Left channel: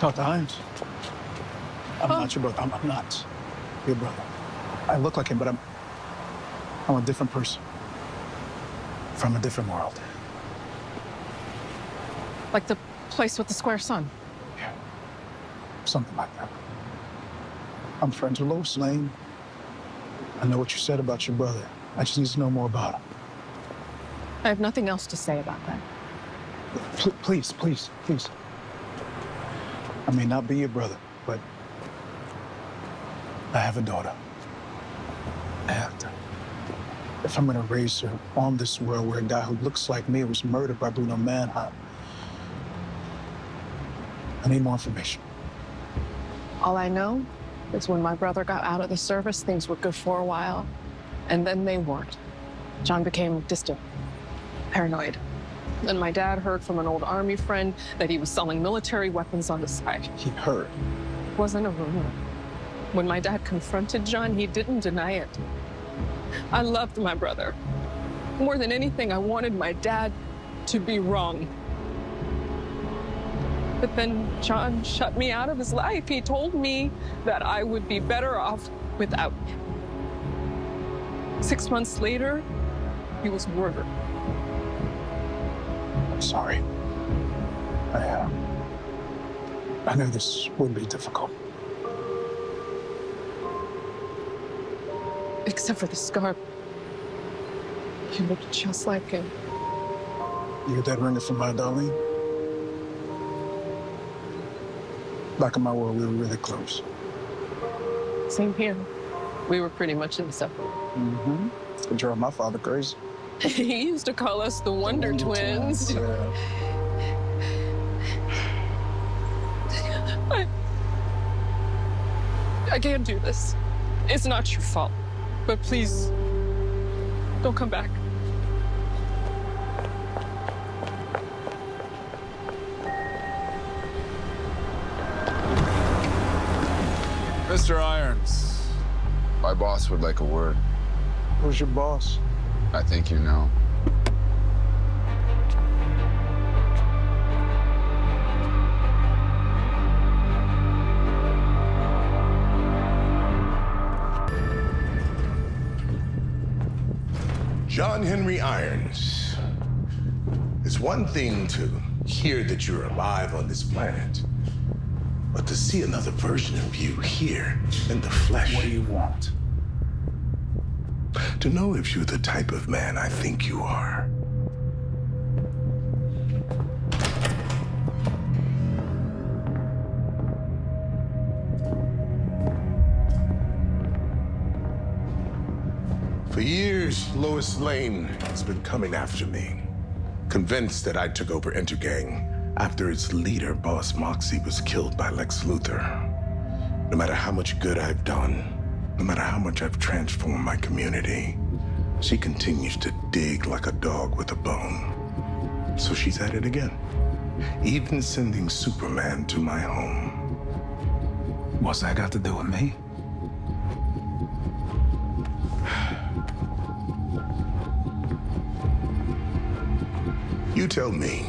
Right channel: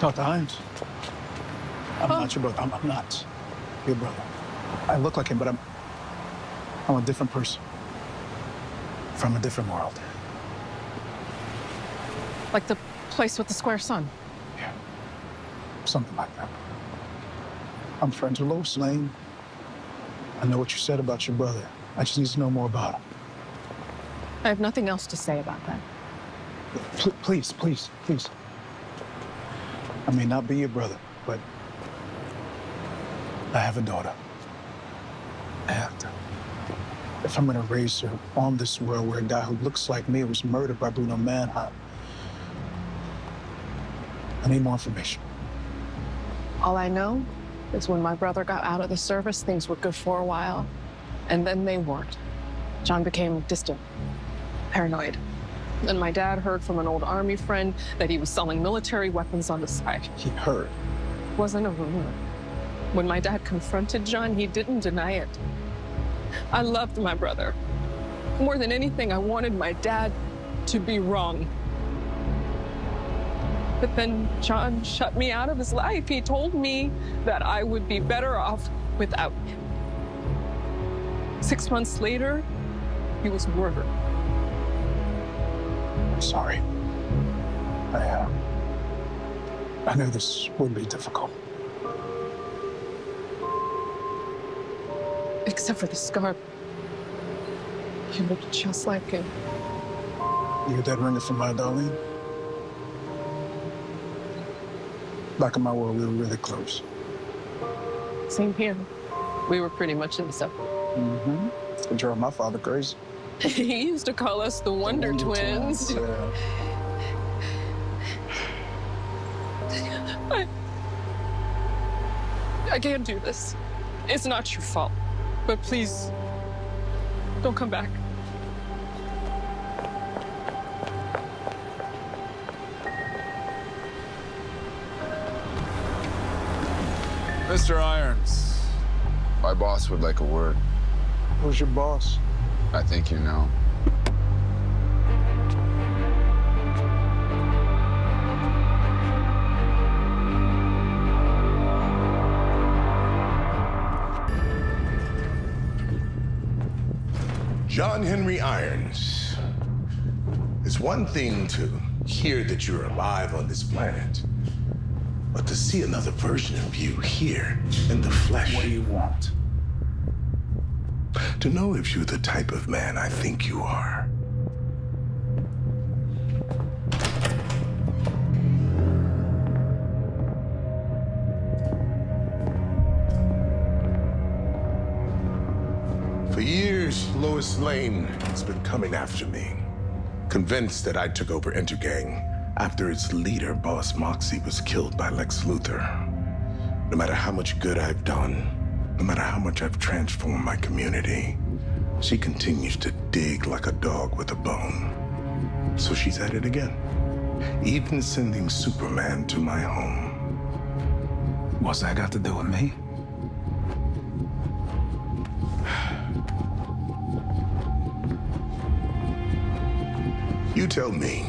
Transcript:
Dr. Hines, I'm not your brother. I'm not your brother. I look like him, but I'm a different person from a different world. Like the place with the square sun? Yeah, something like that. I'm friends with Lois Lane. I know what you said about your brother. I just need to know more about him. I have nothing else to say about that. Please, please, please. I may not be your brother, but I have a daughter. And if I'm gonna raise her on this world where a guy who looks like me was murdered by Bruno Mannheim, I need more information. All I know is when my brother got out of the service, things were good for a while, and then they weren't. John became distant, paranoid. And my dad heard from an old army friend that he was selling military weapons on the side. He heard? It wasn't a rumor. When my dad confronted John, he didn't deny it. I loved my brother. More than anything, I wanted my dad to be wrong. But then John shut me out of his life. He told me that I would be better off without him. 6 months later, he was murdered. I'm sorry. I knew this would be difficult. Except for the scar. He looked just like him. You get that ring from my Darlene? Back in my world, we were really close. Same here. We were pretty much inseparable. Mm-hmm. It drove my father crazy. He used to call us the Wonder Twins. Yeah. I can't do this. It's not your fault. But please, don't come back. Mr. Irons, my boss would like a word. Who's your boss? I think you know. John Henry Irons. It's one thing to hear that you're alive on this planet, but to see another version of you here in the flesh. What do you want? To know if you're the type of man I think you are. For years, Lois Lane has been coming after me, convinced that I took over Intergang after its leader, Boss Moxie, was killed by Lex Luthor. No matter how much good I've done, no matter how much I've transformed my community, she continues to dig like a dog with a bone. So she's at it again, even sending Superman to my home. What's that got to do with me? You tell me.